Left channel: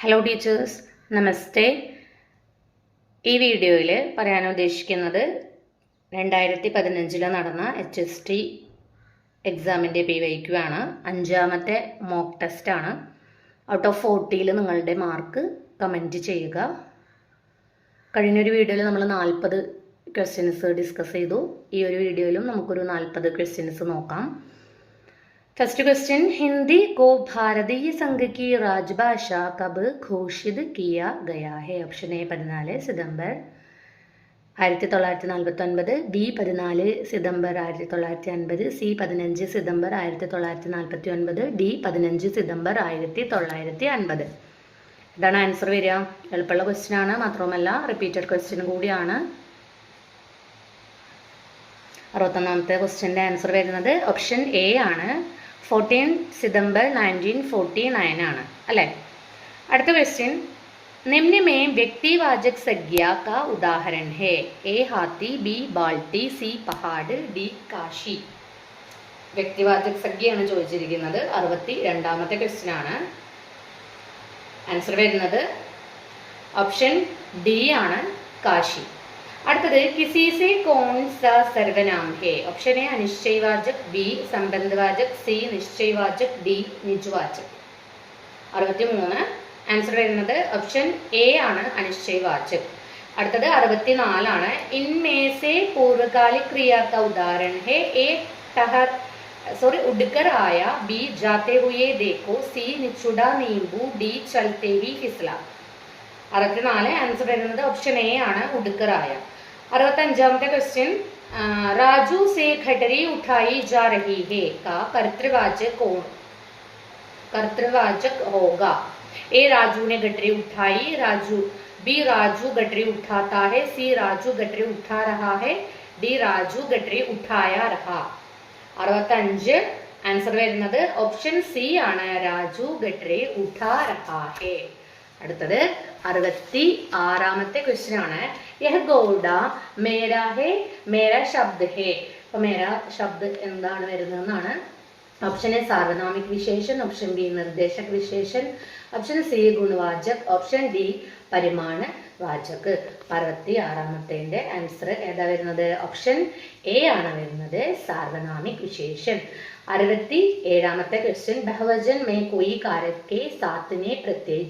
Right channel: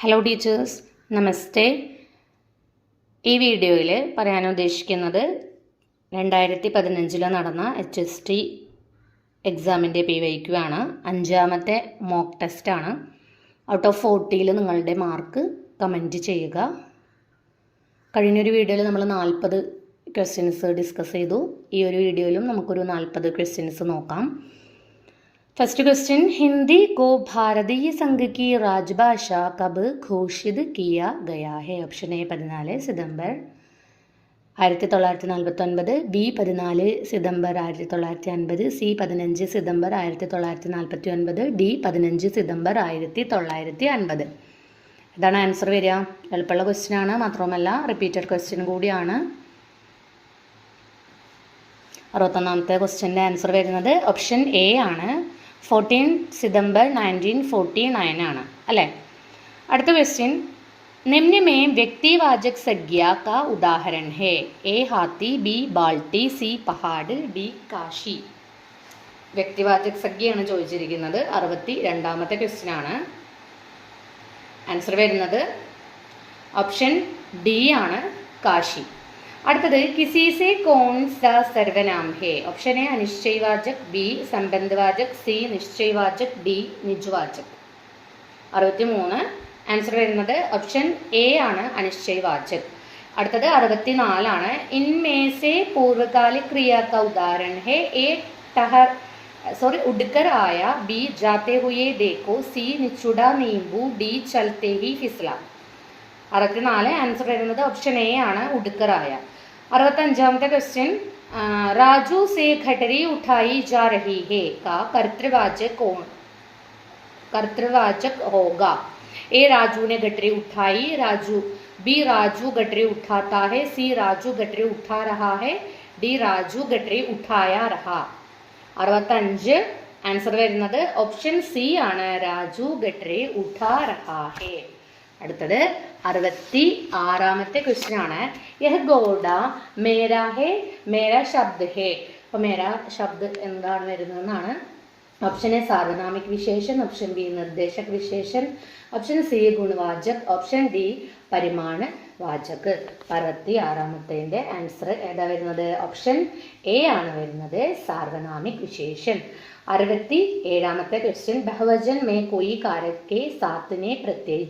Hello teachers, നമസ്തേ. ഈ വീഡിയോയിൽ പറയാൻ ഉദ്ദേശിക്കുന്നത് 2015 നടന്ന HST എക്സാമിൻ്റെ PYQ ആണ്. 5ാമത്തെ മോക്ക് ടെസ്റ്റാണ്. ഔട്ട് ഓഫ് 40 നിങ്ങളുടെ മാർക്ക് കമൻറ്റ് ചെയ്യുക. കഴിഞ്ഞൊരു വീഡിയോയിൽ നമ്മൾ 40 ക്വസ്റ്റ്യൻസ് ഡിസ്കസ് ചെയ്തു. ഈ ഒരു വീഡിയോയിലും നമുക്കൊരു 40 ക്വസ്റ്റ്യൻസ് നോക്കാം. फर्स्ट क्वेश्चन, हिंदी को भारतीय संघ की राजभाषा कब घोषित किया गया है? ऑप्शन ए 14 सितंबर 1949, बी 14 सितंबर 1950, सी 15 सितंबर 1949, ഡി 15 സിതംബർ 1950. ഇതാണ് ആൻസർ വരിക. എളുപ്പമുള്ള ക്വസ്റ്റ്യൻ ആണ്, മാത്രമല്ല റിപ്പീറ്റഡ് ക്വസ്റ്റ്യൻ കൂടിയാണ്. 61ാമത്തെ ക്വസ്റ്റ്യൻ്റെ ആൻസർ വരുന്നത് ഓപ്ഷൻ എ ആണ്. 14 सितंबर 1949 ആണ് അല്ലേ. അടുത്ത ക്വസ്റ്റ്യൻ, निम्न में व्यक्तिवाचक संज्ञा का उदाहरण है? ए हाथी, बी बाल्टी, സി പഹാഡ്, ഡി കാശി. വ്യക്തിവാചക സംജ്ഞയാണ് ചോദിച്ചിരിക്കുന്നത്. 62ാമത്തെ ക്വസ്റ്റ്യൻ ആണ്. ആൻസർ വരുന്നത് ഓപ്ഷൻ ഡി ആണ്, കാശി. അടുത്തത്, किसी से कौन सा सर्वनाम है? ऑप्शन ए अनिश्चयवाचक, बी संबंधवाचक, सी निश्चयवाचक, ഡി നിജവാചക്. 63 ആൻസർ വരുന്നത് ഓപ്ഷൻ എ ആണ്, അനിശ്ചയവാചക്. അടുത്തത് 64 ആണ്. इनमें से पूर्वकालिक क्रिया का उदाहरण है? ए उड़कर आया, बी जाते हुए देखो, सी निचुड़ा नींबू, ഡി चलते ही फिसला. 64 ആൻസർ വരുന്നത് ഓപ്ഷൻ എ ആണ്, ഉടുക്കറായ. 65ാമത്തെ ക്വസ്റ്റ്യൻ, राजू से खटरी उठाई जा रही है का कर्तृवाचक होगा? ए राजू ने गटरी उठाई, बी राजू गटरी उठाता है, सी राजू गटरी उठा रहा है, ഡി രാജു ഗട്ടറി ഉഠായ രഹ. 65 ആൻസർ വരുന്നത് ഓപ്ഷൻ സി ആണ്, രാജു ഗട്ടറി ഉഠാ രഹാ ഹേ. അടുത്തത് 66ാമത്തെ ക്വസ്റ്റ്യൻ ആണ്. യഹ് ഗോഡ മേരാ ഹേ, മേരാ ശബ്ദ് ഹേ. അപ്പൊ മേരാ ശബ്ദ് എന്താണ് വരുന്നതെന്നാണ്. ഓപ്ഷൻ എ സാർവനാമിക് വിശേഷൻ, ഓപ്ഷൻ ബി നിർദ്ദേശക് വിശേഷൻ, ഓപ്ഷൻ സി ഗുണവാചക്, ഓപ്ഷൻ ഡി പരിമാണ വാചക്. 66ാമത്തെ ആൻസർ ഏതാ വരുന്നത്? ഓപ്ഷൻ എ ആണ് വരുന്നത്, സാർവനാമിക് വിശേഷൻ. 67ാമത്തെ क्वेश्चन, बहुवचन में कोई कारक के साथ ने प्रत्यय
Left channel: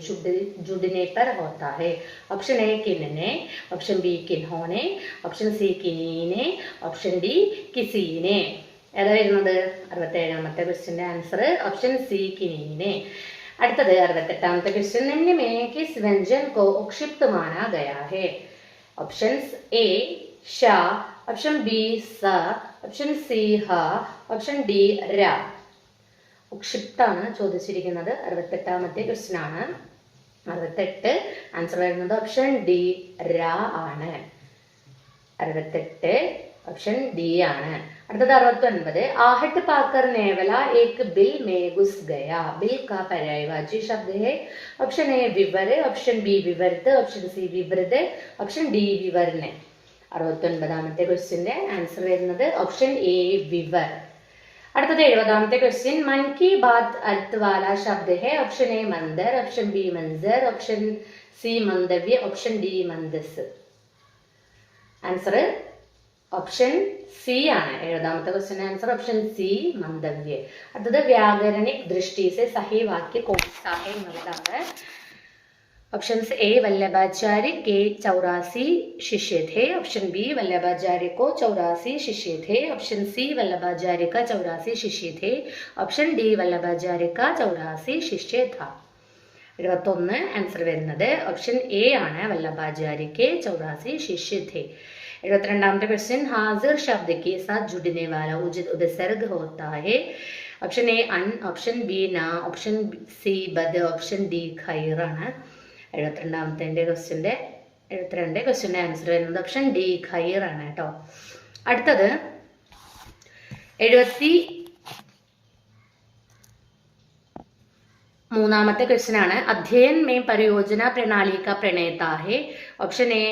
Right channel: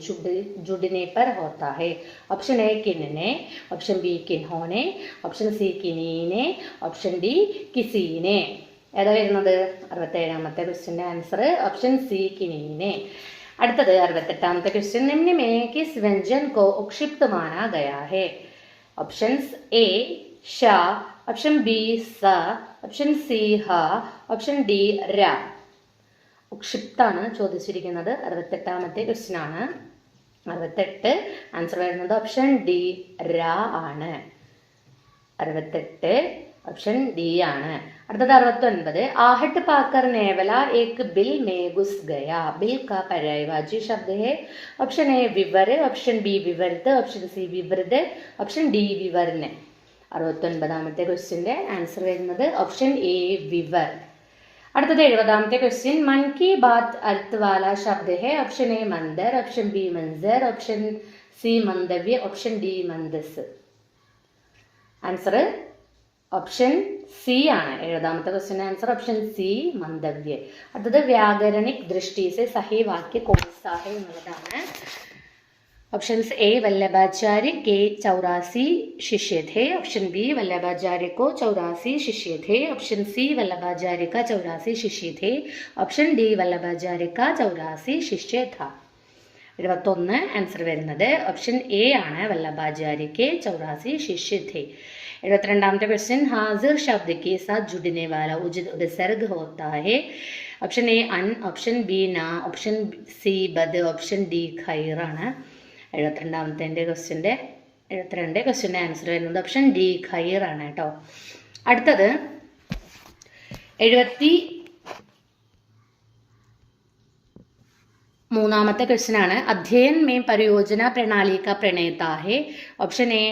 जुड़ने पर होता है? ऑप्शन ए किन्ने, ऑप्शन बी किन्होने, ऑप्शन सी किन्हीने, ऑप्शन डी किसीने. ഏതാ വരുന്നത്? 67ാമത്തെ ക്വസ്റ്റ്യൻ്റെ ആൻസർ ഓപ്ഷൻ സി കിനീനെ. അടുത്തത് 68ാമത്തെ ക്വസ്റ്റ്യൻ, निम्न में किस व्यंजन को उक्षिप्त माना गया है? Options A Shah, option B സ, ഓപ്ഷൻ സി ഹ, ഓപ്ഷൻ ഡി ര. ഉക്ഷിപ്താണ് ചോദിച്ചിരിക്കുന്നത്. 68ാമത്തെ ക്വസ്റ്റ്യൻ ആണ്. 68 ആൻസർ വരുന്നത് ഓപ്ഷൻ ഡി ര ആണ്. 68 ഓപ്ഷൻ ഡി ആണ്. അടുത്തത് 69, आहट पाकर नेवला एक बिल में घुस गया. बिल का पर्यायवाची शब्द है? ऑप्शन ए विवर, ऑप्शन बी विवर्त, ऑप्शन सी विवृत, ऑप्शन डी विवर्ण. 69ാമത്തെ ക്വസ്റ്റ്യന്റെ ആൻസർ വരുന്നത് ഓപ്ഷൻ എ വിവർ. അടുത്തത് 70ാമത്തെ ക്വസ്റ്റ്യൻ, मन की बात अर्थ वाला शब्द है? ऑप्शन ए मंदर, ऑप्शन बी मंजर, ऑप्शन सी मंदव्य, ऑप्शन डी मंदस. ആൻസർ ഓപ്ഷൻ സി ആണ്. 70ാമത്തെ ക്വസ്റ്റ്യൻ ആൻസർ ഓപ്ഷൻ സി मंदव्य. അടുത്തത് വ്യാകരണിക് ദൃഷ്ടി से सही वाक्य कौन सा है എന്നുള്ളതാണ്. ऑप्शंस ए वल्लभाचार्य के 84 शिष्य थे, ऑप्शन बी वल्लभाचार्य को 84 शिष्य थे, ऑप्शन सी वल्लभाचार्य का 84 शिष्य थे, ऑप्शन डी वल्लभाचार्य का 84 शिष्य था. 71 ആൻസർ വരുന്നത് ഓപ്ഷൻ എ ആണ്, വല്ലഭാചാര്യക്ക് 84 शिष्य थे. 72ാമത്തെ ക്വസ്റ്റ്യൻ, हाजिर शब्द के साथ जुड़ने वाला उचित उपसर्ग होता है? ऑप्शन ए अन, ऑप्शन बी ना, ऑप्शन सी बद, ऑप्शन डी खैर ആണ്. 72ാമത്തെ ക്വസ്റ്റ്യൻ്റെ ആൻസർ വരുന്നത് ഓപ്ഷൻ ഡി ഖൈർ ആണ് കേട്ടോ. അടുത്തത് 73ാമത്തെ ക്വസ്റ്റ്യൻ ആണ്. अध्ययन में परियोजना प्रणाली का प्रणेता है? Option A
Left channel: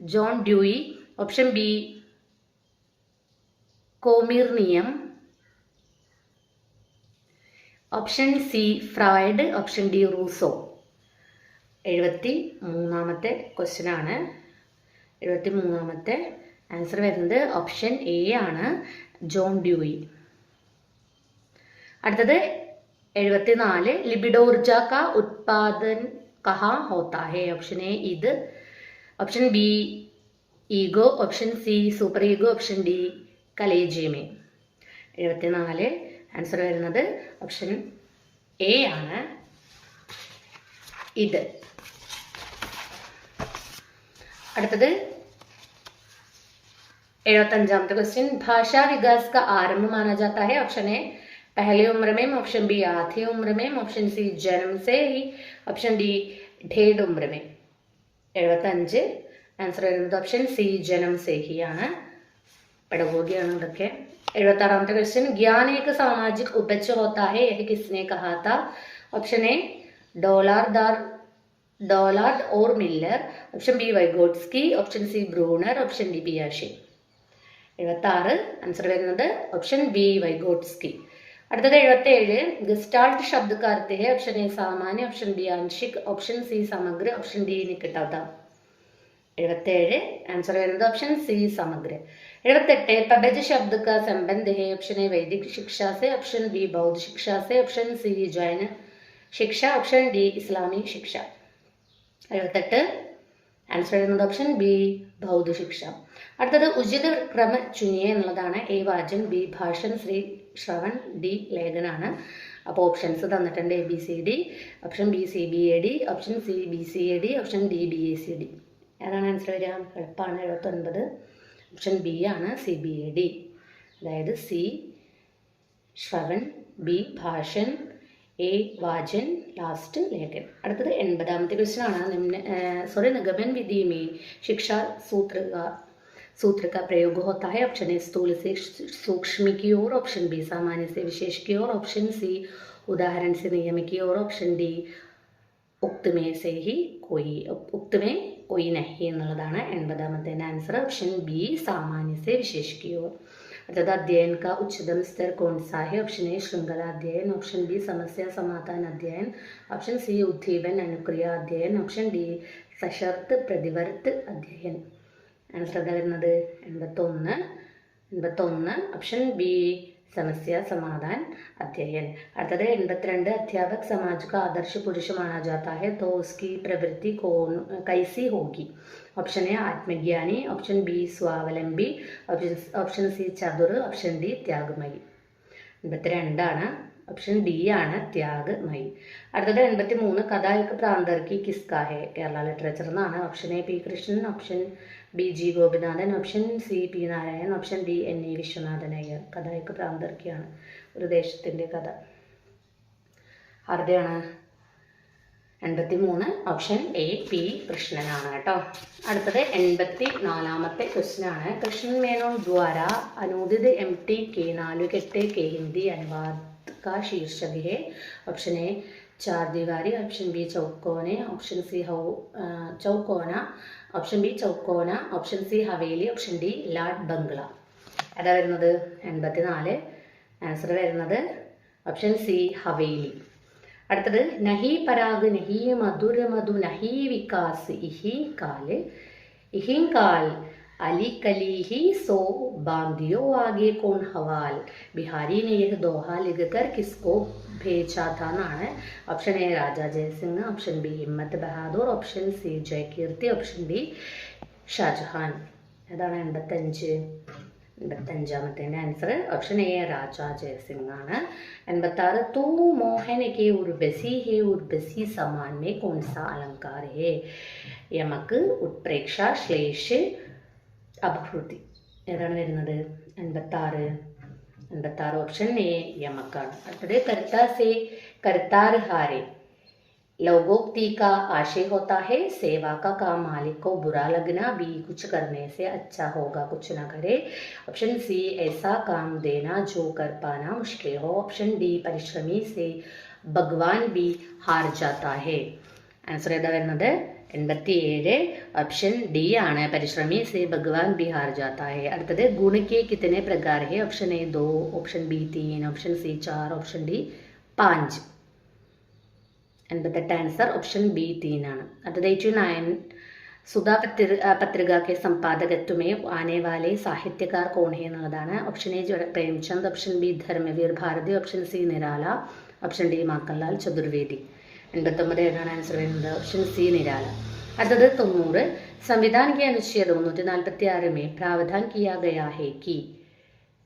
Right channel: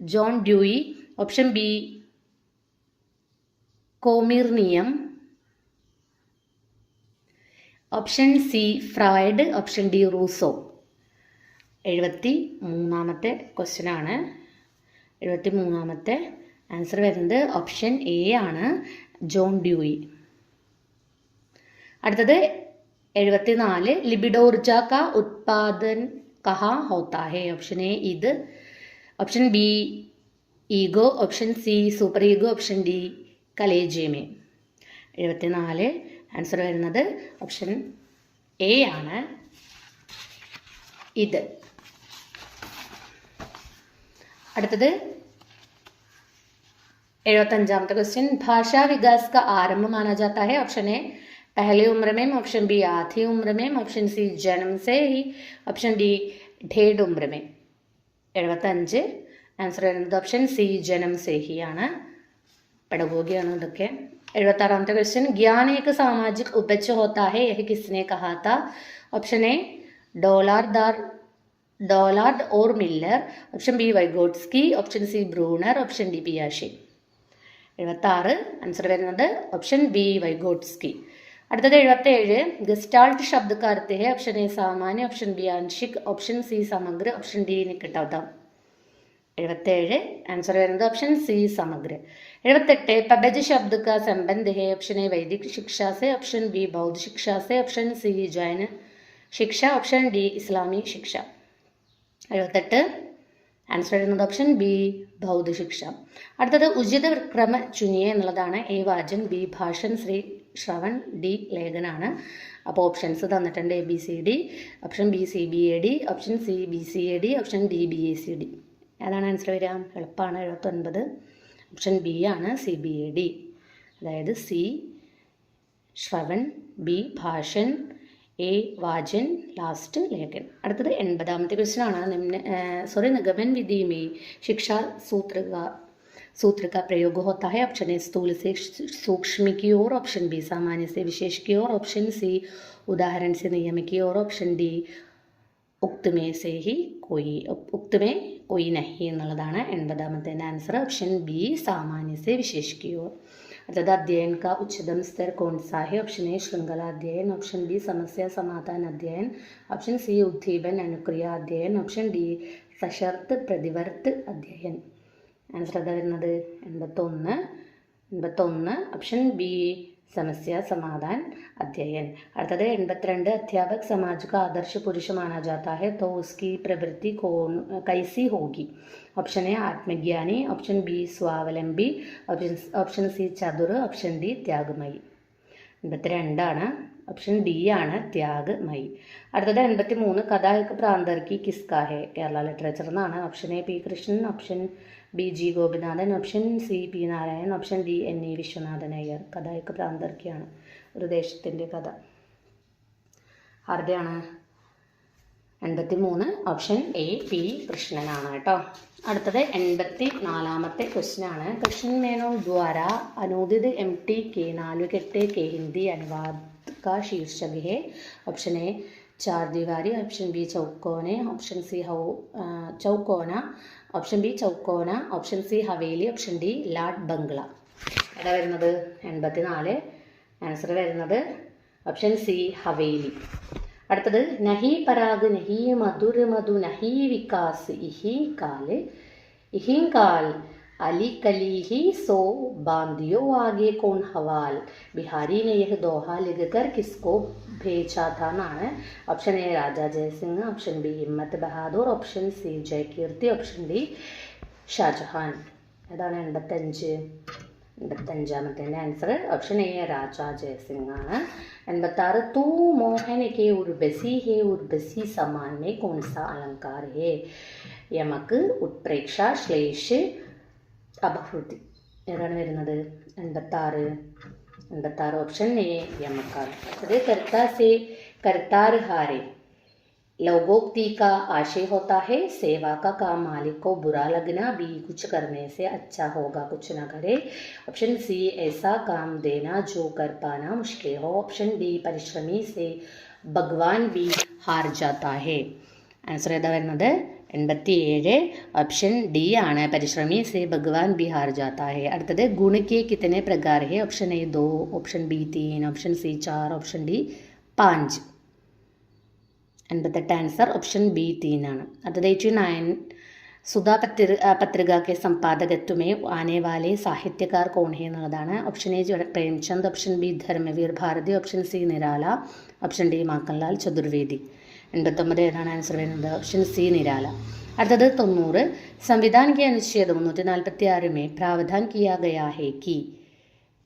John Dewey, option B कोमिरनियम, option C Freud, option D Rousseau. 73ാമത്തെ ക്വസ്റ്റ്യൻ ആണ്. 73ാമത്തെ ആൻസർ വരുന്നത് ഓപ്ഷൻ എ ആണ്, ജോൺ ഡ്യൂയി. അടുത്തത് 74, लिबिडो ऊर्जा का उत्पादन कहाँ होता है? Option A id, option B ego, option C super ego, option D കലേജിയമേ. 74 ആൻസർ വരുന്നത് ഓപ്ഷൻ എ ആണ്, ഇത്. അടുത്തത് 75ാമത്തെ ക്വസ്റ്റ്യൻ, ഭാഷാ വികാസ് का आरंभ माना जाता है? ऑप्शन ए पहली उम्र में, ऑप्शन बी आधी उम्र में, ऑप्शन सी जन्म से ही, ऑप्शन डी ढेड उम्र में. 75 ആൻസർ വരുന്നത് ഓപ്ഷൻ സി ജനം സേ ഹി ആണ്. പെഡഗോഗിയാണ് ഇതൊക്കെ. 76ാമത്തെ ക്വസ്റ്റ്യൻ, ज्ञान एक सामाजिक उपज होता है, यह किसने कहा था? ऑप्शन ए डोलार्ड और Miller, option B Vygotsky, option C Bruner, option D പിയാഷെ. 76 ആൻസർ വരുന്നത് ഓപ്ഷൻ ബി വൈഗോട്സ്കി. അടുത്തത് 77, ഗസ്റ്റാൾട്ട് शब्द का अर्थ है? ऑप्शन ए सामान्य, ऑप्शन बी आंशिक, ऑप्शन सी समग्र, ऑप्शन डी निकटता. 77 आंसर വരുന്നത് ഓപ്ഷൻ സി സമഗ്ര. 78, पबज शब्द का संबंध है? ऑप्शन ए वैदिक शिक्षा से, ऑप्शन बी बौद्ध शिक्षा से, ऑप्शन सी जैन शिक्षा, ऑप्शन डी इस्लामी शिक्षा. 78 ആൻസർ വരുന്നത് ഓപ്ഷൻ ബി ബൗദ്ധ ശിക്ഷ. അടുത്തത് ഉചിത ക്രമ ചുനിയെ എന്നുള്ളതാണ്. എ വാചൻ, ബി ഭാഷൻ, ശ്രീ ശ്രവൺ, ഡി ലേഖനാണ്. അപ്പോൾ ഓപ്ഷൻസ് തന്നിട്ടുണ്ട്, A B C D, option B C B A D, option C B C A D, option D B A C D. ഏതാണ് ആൻസർ വരിക? എളുപ്പമാണ്. 79 ഓപ്ഷൻ ബി ആണ്, സി ബി എ ഡി. അതായത് C ശ്രവൺ, B ഭാഷൻ, A വാചൻ, last ലേഖൻ. അടുത്തത് 80ാമത്തെ ക്വസ്റ്റ്യൻ ആണ്. निगमन विधि में शिक्षा सूत्र का प्रयोग होता है? ऑप्शन ए स्थूल से सूक्ष्म की ओर, ऑप्शन बी सामान्य से विशेष की ओर, ऑप्शन सी उदाहरण से नियम की ओर, ऑप्ഷൻ ഡി उक्त में कोई नहीं എന്നുള്ളതാണ് 80ാമത്തെ ആൻസർ. ഓപ്ഷൻ ബി सामान्य से विशेष की ओर. अर्थात अध्ययन का उच्चतम स्तर कौन सा है? ऑप्शन ए श्रृंखला अध्ययन, ऑप्शन बी समस्या समाधान अध्ययन, ऑप्शन सी उद्दीपन अनुक्रिया अध्ययन, ऑप्शन डी सशर्त प्रतिवर्त अध्ययन. ആൻസർ വരുന്നത് 81 ഓപ്ഷൻ ബി समस्या समाधान अध्ययन. അടുത്തത് 82, अध्यापक समाज का आदर्श पुरुष माना जाता है तो उसकी प्रवृत्ति कैसी होगी? ऑप्शन ए आत्मज्ञानी, ऑप्शन बी स्वावलंबी, ऑप्शन सी चतुर, ऑप्शन डी त्यागमयी. 82 ആണ്, ഓപ്ഷൻ ഡി ആണ് ത്യാഗമയി. അടുത്തത് 83, കഥാ एक प्रांतर की किसका है? കേരള ലിറ്ററേച്ചർ എന്നാണ്. Option A P Krishnan, option B G Gopinathan, option C P Narayanan, option D N E Viswanathan Iyer. കഥാ एक प्रांतर की ആണ്, ഒരു ദേശത്തിൻ്റെ കഥ. ആരുടെയാണ്? 83 ഓപ്ഷൻ എ പി കൃഷ്ണനാണ് കേട്ടോ. അടുത്തത് 84ാമത്തെ ക്വസ്റ്റ്യൻ ആണ്. കൃഷ്ണൻ മേനോൻ ദ്വാര അനുദിത് MT के नालुकेट्टे के हिंदी अनुवाद का शीर्षक है? ऑप्शन ए चार दीवारी, ऑप्शन बी चौकोने, ऑप्शन सी चौकोना, ऑप्शन बी चौकोना, ऑप्शन सी हवेली, ऑप्ഷൻ ഡി ലാഡ് ബംഗ്ല. ഏതാ വരുന്നത്? 84 ആൻസർ വരുന്നത് ഓപ്ഷൻ സി ഹവേലി. അടുത്തത് നഹി പരാഗ് നഹി മധുര മധു നഹി വികാസ് ഇഹി കാൽ अली कली ही सो बांधियो आगे कौन हवाल, बिहारी ने यह दोहा लिखकर किसको भेजा था? എന്നാണ്. Option A Raja Jaisingh, option B Himmat Bahadur, option C Jayakirti, option D Shahjahan. ഏതാണ് 85ാമത്തെ answer? Option A Raja Jaisingh ആണ്. 86, तू मोहन के उर्वशी है उर्वशी समान में कौन सा अलंकार है? यमक, उत्प्रेक्षा, श्लेष, അപഹൃതി. ഏതാണ് വരുന്നത്? 86 ഓപ്ഷൻ എ യമക്കാണ്. അടുത്തത് कर्ता से करतार हारे लोगोक्ति का आशय होता है? सेवा का काम मालिक को बुरा लगना, बी कुछ करने से अच्छा होगा कुछ न करे, ऑप्शन सी ऐसा काम देना जो कर पाना मुश्किल हो, ऑप्शन डी परिश्रमी से भगवान भी हार जाता है. ആൻസർ ഏതാ വരുന്നത്? 87 ऑप्शन डी ആണ്, പരിശ്രമി से भगवान भी हार जाता है. അടുത്തത് गुण के कितने प्रकार है? Option A 2, option B 3, option C 4, option D പാഞ്ച്. 88 ആൻസർ ഓപ്ഷൻ ബി 3 ആണ്. അടുത്തത് 89 സുധാ പത്രിക കെ സമ്പാദകത്വ में आने वाले സാഹിത്യകാർ कौन है എന്നുള്ളതാണ്. Option A Premchand, option B Dharmveer Bharati, option C Nirala, option D Makhanlal Chaturvedi. 89 ഏതാണ് ആൻസർ വരുന്നത്? Option C Nirala. അടുത്തത് 90 संविधान के अनुच्छेद 346 में प्रावधान किया गया है कि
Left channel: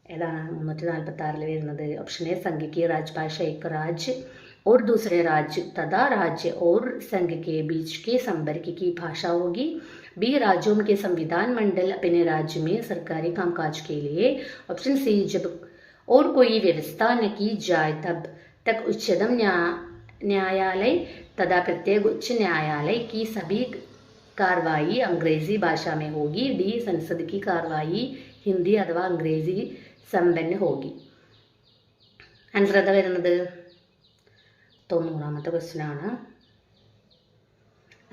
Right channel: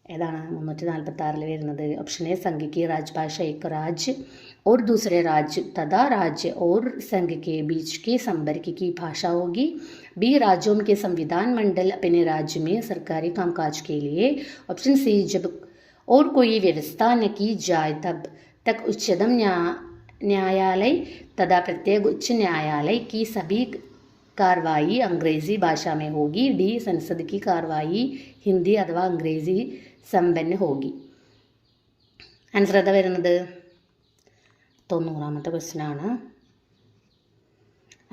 ഏതാണ് 346 വരുന്നത്? ഓപ്ഷൻ എ संघ की राजभाषा एक राज्य और दूसरे राज्य तथा राज्य और संघ के बीच के संपर्क की भाषा होगी. बी राज्यों के संविधान मंडल अपने राज्य में सरकारी कामकाज के लिए. ऑप्शन सी जब और कोई व्यवस्था न की जाए तब तक उच्चतम न्यायालय तथा प्रत्येक उच्च न्यायालय की सभी कार्रवाई अंग्रेजी भाषा में होगी. डी संसद की कार्रवाई हिंदी अथवा अंग्रेजी संपन्न होगी. ആൻസർ ഏതാ വരുന്നത്? 90ാമത്തെ ക്വസ്റ്റ്യൻ ആണ്.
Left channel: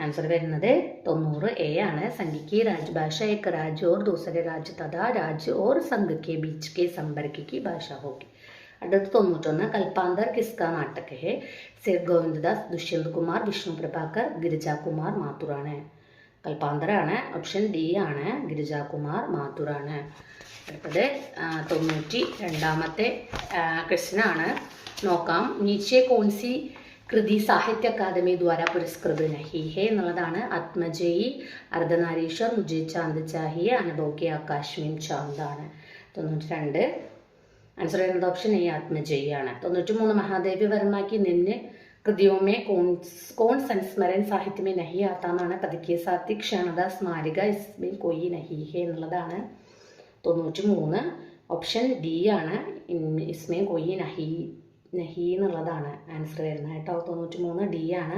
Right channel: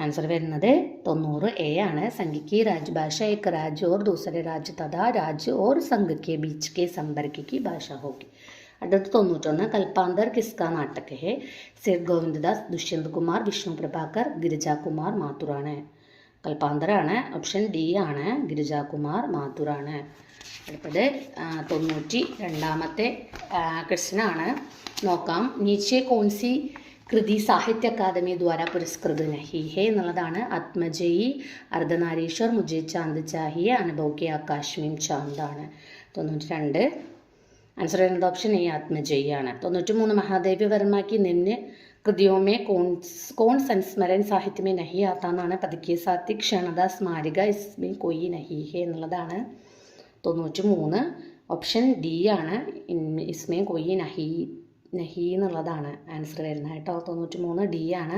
ആൻസർ വരുന്നത് 90 എ ആണ്. संघ की राजभाषा एक राज्य और दूसरे राज्य तथा राज्य और संघ के बीच के संपर्क की भाषा होगी. അടുത്ത 91 കൽപ്പാന്തർ കിസ്ക നാട്ടക് ഹെ. സേത് ഗോവിന്ദദാസ്, ദുഷ്യന്ത് കുമാർ, വിഷ്ണു പ്രഭാകർ, ഗിരിജാകുമാർ മാത്തൂറാണ്. കൽപ്പാന്തറാണ്. ഓപ്ഷൻ ഡി ആണ്. ഗിരിജാകുമാർ മാത്തൂറാണ്. അടുത്തത് 92ാമത്തെ ക്വസ്റ്റ്യൻ ആണ്. നോക്കാം. നീച്ചെ കോൺസി കൃതി സാഹിത്യ അക്കാദമി ദ്വാര പുരസ്കൃത നഹി ഹെ എന്നുള്ളതാണ്. ആത്മജയി, അർദ്ധനാരീശ്വർ, മുझे चांद चाहिए, अनुभव के आकाश में चांद ആണ്. 92 आंसर വരുന്നത് ഓപ്ഷൻ എ ആത്മജയി ആണ്. 93 महादेवी वर्मा की निम्न कृतियों में कौन संस्मरण साहित्य में नहीं आता എന്നാണ്. പതുക്കെ സാത്തി, ക്ഷണത, സ്മാരിക, इसमें कोई नहीं है എന്നുള്ളതാണ്. 93 ഓപ്ഷൻ ഡി ആണ്. इसमें कोई നഹി എന്നുള്ളതാണ് ആൻസർ വരുന്നത് കേട്ടോ. 93 ഡി ആണ്.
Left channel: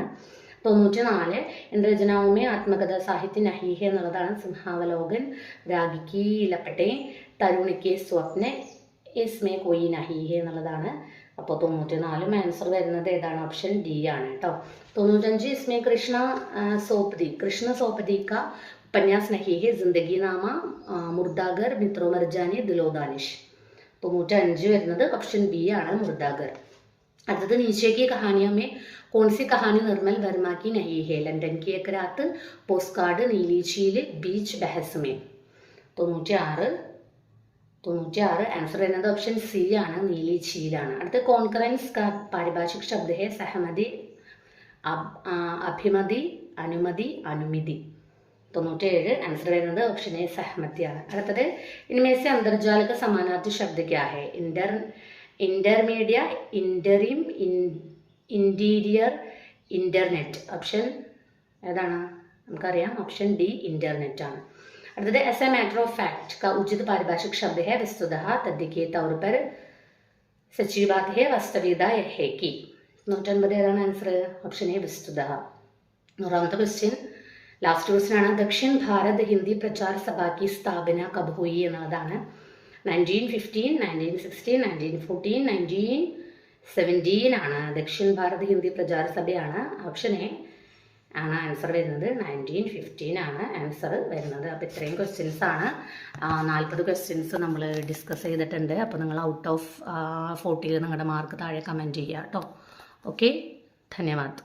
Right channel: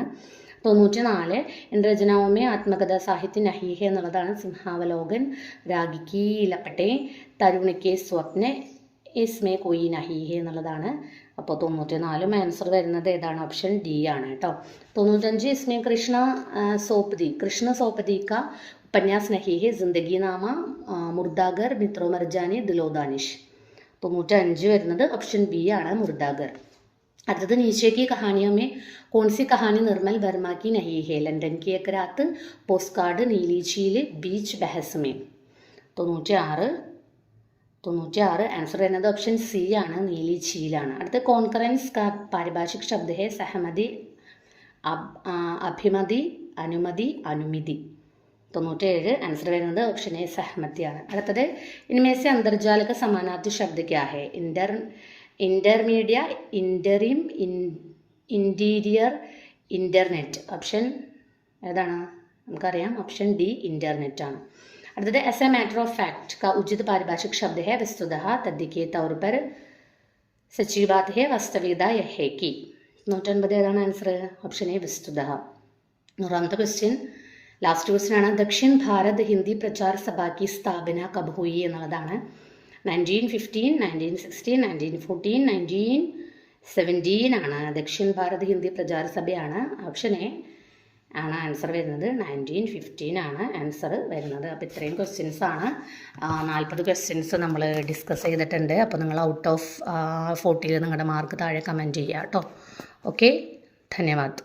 94 ഇന്ദ്രജനാവുമേ ആത്മകഥ സാഹിത്യ നഹി ഹെ എന്നുള്ളതാണ്. സിംഹാവലോകൻ, രാഗിക്ക് ലപ്പട്ടെ, തരുണിക്ക് സ്വപ്ന, ഇസ്മേ കോയി നഹി ഹെ എന്നുള്ളതാണ്. അപ്പോൾ 94 ആൻസർ വരുന്നത് ഏതാണ്? ഓപ്ഷൻ ഡി ആണ് കേട്ടോ. 95 ഇസ്മേ കൃഷ്ണ സോപതി കാ उपन्यास नहीं है. जिंदगी नामा, मुर्दागर, मित्रो मरजानी, दिलो दानिश. 95 വരുന്നത് ഓപ്ഷൻ ബി ആണ്. മുർദാഗർ. അടുത്തത് नीचे की कहानियों में कौन सी कहानी निर्मल वर्मा की नहीं है. लंदन की एक रात, पोस्ट कार्ड, नीली झील, बीच बहस में. 96 ആൻസർ വരുന്നത് ഓപ്ഷൻ സി ആണ്. നീലി झीലാണ്. അടുത്ത കോൺകറൻസ് का पारिभाषिक शब्द है सहमति, अभिमति, अनुमति, अनुमिति. 97 ആൻസർ വരുന്നത് ഓപ്ഷൻ എ സഹമതിയാണ്. അടുത്തത് इनमें से अंतर्जाल का समानार्थी शब्द क्या है. इंटरमीडिയ, इंटरिम, इंटीरियर, इंटरनेट. ഓപ്ഷൻ ഏതാണ്? നമുക്കറിയാം ഓപ്ഷൻ ഡി इंटरनेट ആണ്. അടുത്തത് S a matter of fact का उचित पारिभाषिक शब्द है वस्तुतः, तथ्य के तौर पर, सच्ची बात है, वास्तविकता है कि. 109 ഏതാണ് ആൻസർ? ഓപ്ഷൻ എ വസ്തുതः. 100ാമത്തെ ക്വസ്റ്റ്യൻ ലാസ്റ്റ് ക്വസ്റ്റ്യൻ ആണ്. ദക്ഷിൺ ഭാരത് ഹിന്ദി പ്രചാർ സഭ की സ്ഥാപന കബ് ഹുയി എന്നുള്ളതാണ്. 1915, 1916, 1914, 1917 ആണ്. ദക്ഷിൺ ഭാരത് ഹിന്ദി പ്രചാര സഭയാണ്. ഓപ്ഷൻ എ ആണ് ആൻസർ വരുന്നത്. 1915 ആണ് ആൻസർ വരുന്നത്. അപ്പോൾ ഇത്രയും ക്വസ്റ്റ്യൻസ് ആണ്. 40 ക്വസ്റ്റ്യൻസ് നമ്മൾ ഡിസ്കസ് ചെയ്തിട്ടുണ്ട്. അപ്പോൾ നിങ്ങൾ ഔട്ട് ഓഫ് 40 നിങ്ങളുടെ മാർക്ക് താഴെ കമൻറ്റ് ചെയ്യുക കേട്ടോ. ഓക്കെ, ധന്യവാദ്.